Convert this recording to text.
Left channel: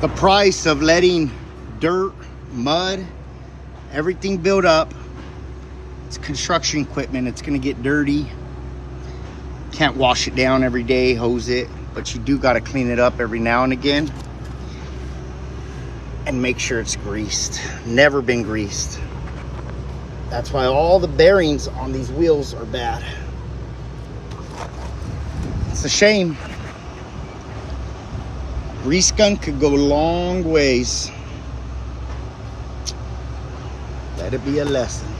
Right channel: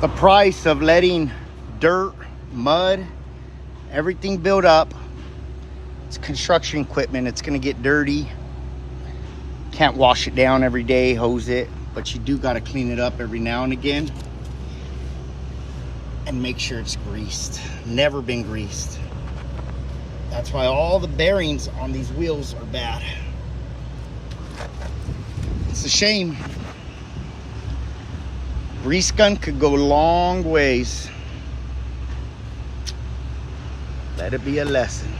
the price of letting dirt, mud, everything build up. It's construction equipment. It's going to get dirty. Can't wash it down every day, hose it, but you do got to clean it up every now and again and make sure it's greased. Never been greased. That's why all the bearings on these wheels are bad. It's a shame. Grease gun could go long ways. Let it be a lesson.